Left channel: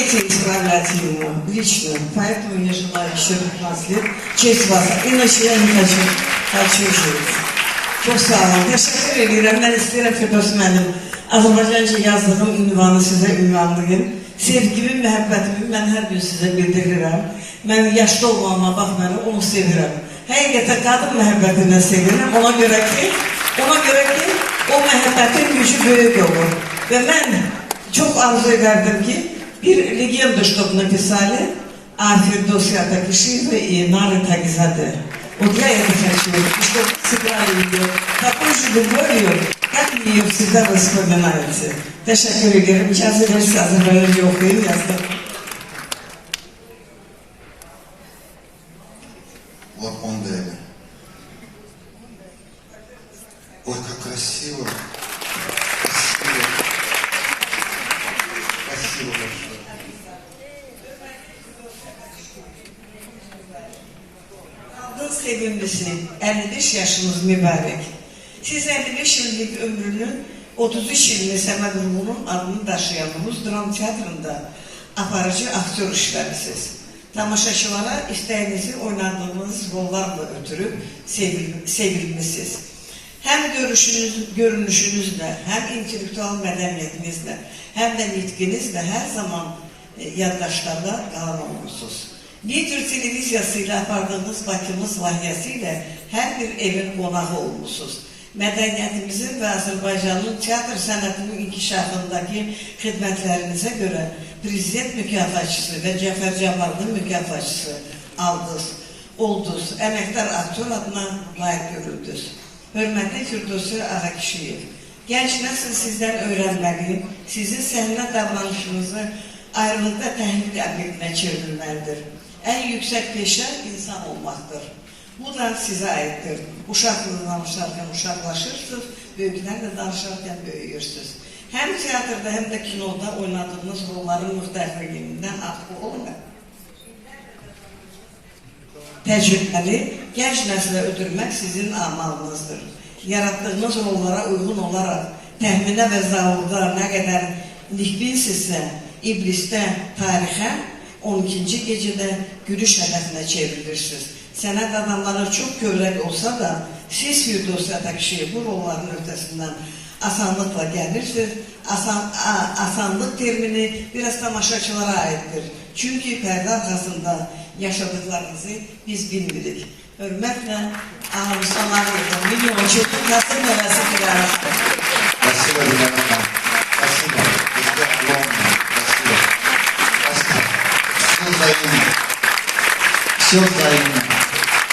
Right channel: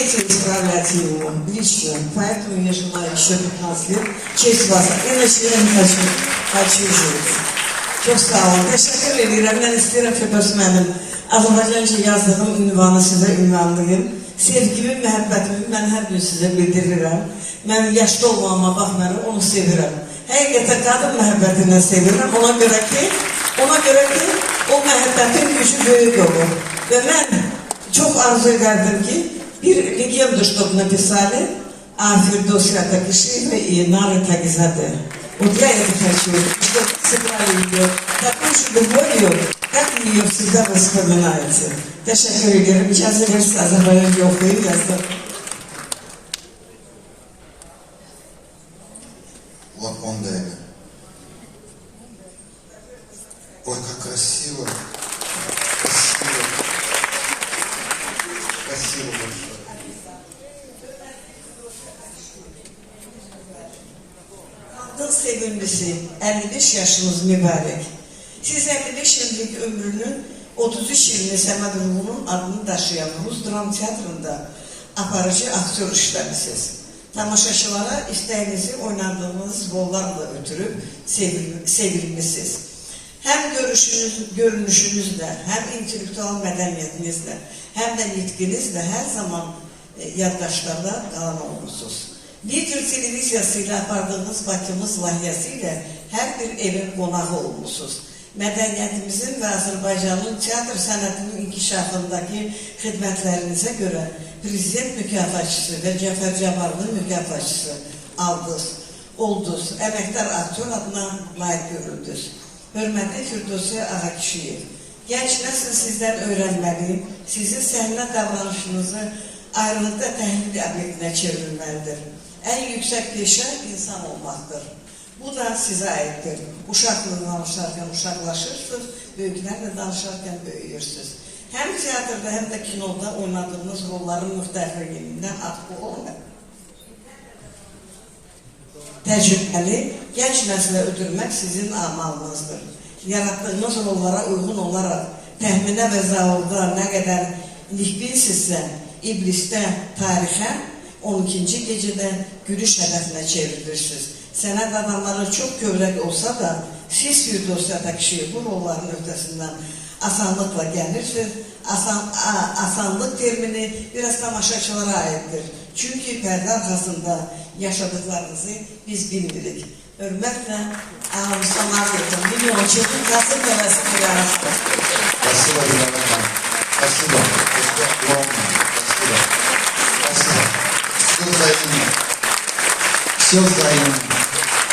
Эти исправлять его лично, поэтому я желаю еще 15 лет. Честь вас, иначе я не хочу жить. Çok sağ olun. Teşekkür ediyorum. Ben isterim Firdevs mənim Azərbaycanca yazdığım ünvanı sizə ünvanlayım. Sevgimi, məhəbbətimi mən hər gün sizə bildirirəm. Mən yaşlı olmağıma baxmayaraq onu sevirəm. Həqiqətən qadın məhəbbətindən sevirəm. Ona görə ki, o məhəbbətin gücü böyük olur. Və mən çox arzu ederdim ki, bir legendu, чтобы написали о Фирдосе Атакишиевой и Нары Тагизаде. Вот я это хочу, чтобы сыграли ее такой же любовью, как ее всегда вспоминаете. Teşekkür ederim. İcazə verirsə Azərbaycanca oxuyub yazdım. Вот он дали. Ой, как красиво. Спасибо. Спасибо большое. Adın sevimlisi, 55 yaşınız mübarek. Siz 55 yıllık ömrünün 33 ilini Səməd Ruhunun adını daşıyanımız dram teatrında aparıcı aktör işləmisiniz. Tamaşaçılara istəyinizi oynadığınız rollarla ötürü sevilmişsiniz. Hem görünüşünüzle, hem intellektual mədəniyyətinizlə, hem de nitqinizlə her zaman yaddaşlarda qalan olmuşsunuz. Lider televiziyasıyla apardığınız Bakımız layihəsiyle her bir evin qonağı olmuşsunuz. Mədəniyyətimizin və Azərbaycanın teatr sənətinin inkişafındaki xidmətlərinizə görə Prezident mükafatçısı və Cəfər Cabbarlının mükafatçısı oldunuz. Əməkdar aktör adına layiq görüldünüz. Hörmətli Firdevs Ağakişiyev, genç nəsil sizdən öyrənməli, sizin səhnə davranışınızı ayrılıqda təhlil əməklə çevrilməlidir. En yüksek peşə insan olmaktır. Bu da sizə aiddir. Uşaqla danışarkən uşaqlaşırsınız, böyüklərlə danışarkən böyüyürsünüz. Hem teatrda hem de kinoda oynadığınız rolların müxtəlifliyindən asılı olmayın. Təcrübəli, genç nəslə ötürmək sizin amalınızdır. Yarattığınız rollara uyğun olaraq təxminə və zavuda nə qədər likbinsinizsə, iblisdə, tarixə 12. gecədə gülüş hədəfinə çevrilirsiniz. Sənət adamları çox kövrək olsa da, siz Firdevs Atakişiyev bu rolların ötəsindən asanlıqla gəlirsiniz. Asanlıq termini biraz tamaşaçılara aiddir. Çünkü pərdə arxasında yaşadıklarınızı biz bilmirik. Hörmətlə sona verdim. Milyon çöpün Kasım Nəvəsi Qiyarası. Спасибо, Елена. Спасибо. Спасибо. Все взаимно. Все взаимно.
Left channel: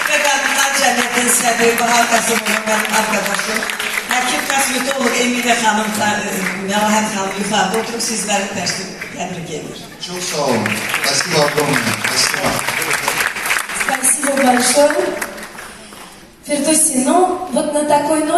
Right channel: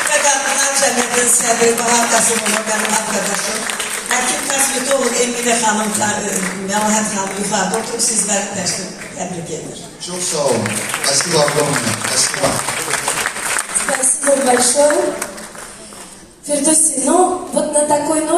Qadınlar Cəmiyyətin sədri Bahar Qasımova mənim arkadaşım. Həkim kosmetolog Emine Hanım, Melahat Hanım yuxarıda oturup sizləri təbrik edir. Çok sağ olun. Спасибо огромное. Спасибо. Спасибо большое. Фирдоси, ну вот на такой ноте